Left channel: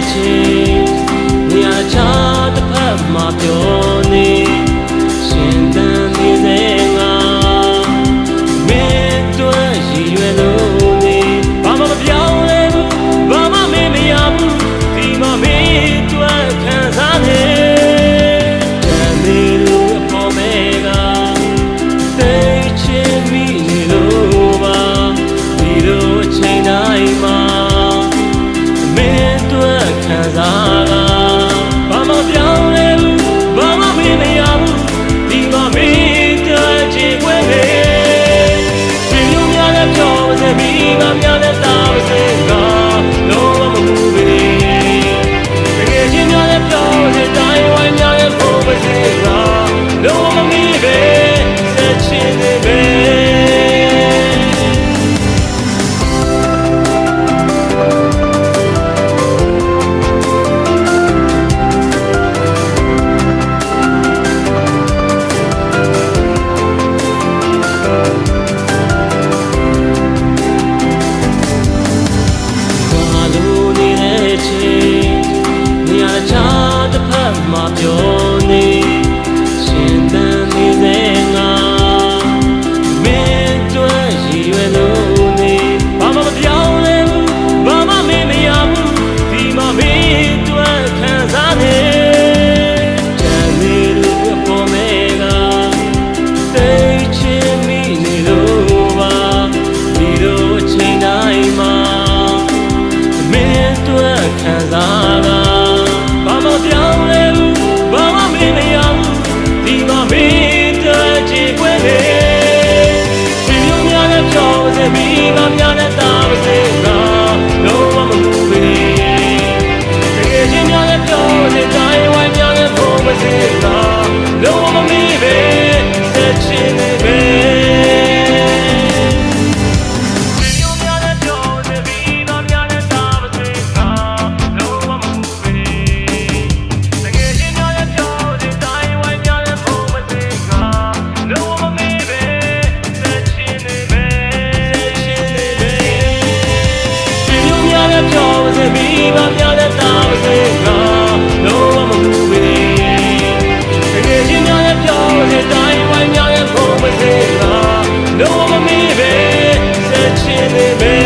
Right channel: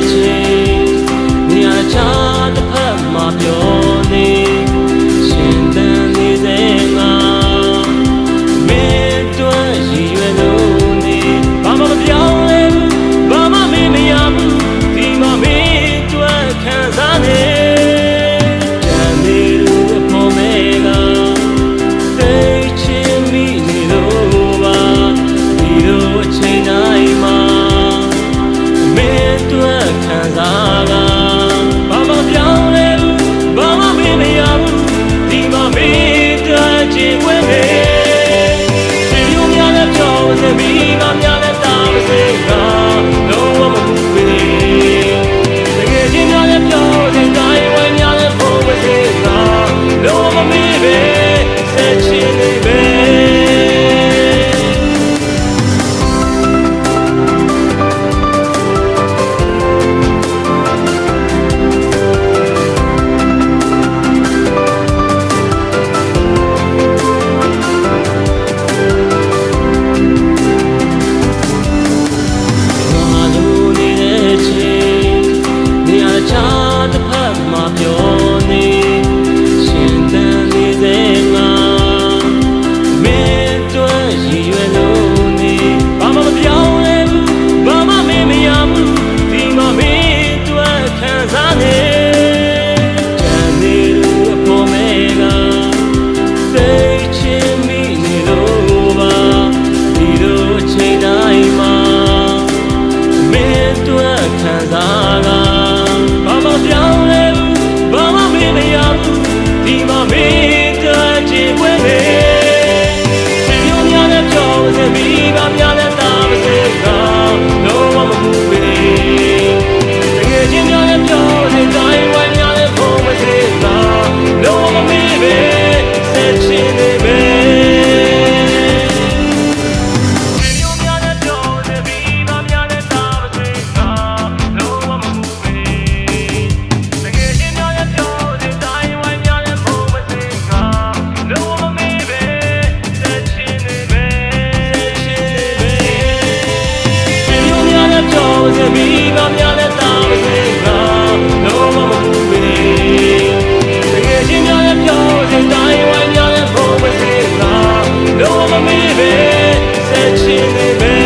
ခဲ့ခြင်းနေရာတခြားတစ်ဖက်မှာပြောနေရှင်သန်နေစေ ခံစားကဘာမှပြောင်းလဲဘူးဘာမှမင်းမရဘူးဒီမှာမင်းတို့ချစ်ခွင့်နေရှင်မျိုးများလည်းပြောစမိကများ တစ်ဖက်မှာပြောနေရှင်သန်နေစေငါမင်းတို့ရည်ရွယ်လို့နေဘာမှမပြောင်းလဲဘူးဘာမှမင်းမရဘူးဒီမှာမင်းတို့ခံစားနေကြံနေလို့အဖို့မဲကသိချင်မိနေလို့ပါဒီလိုအချိန်တိုင်းမှာမင်းတို့ခံစားက စေမိ လည်းပြောပါစေမိဘများလည်းတာပါစေငါလုံးဝမပူပေတကယ်ချင်းများလည်းပြောပါစေတိုင်းဝိုင်းများလည်းဖုံးပါစေငါလုံးဝမမေ့ပဲဆက်ချင်နေပဲ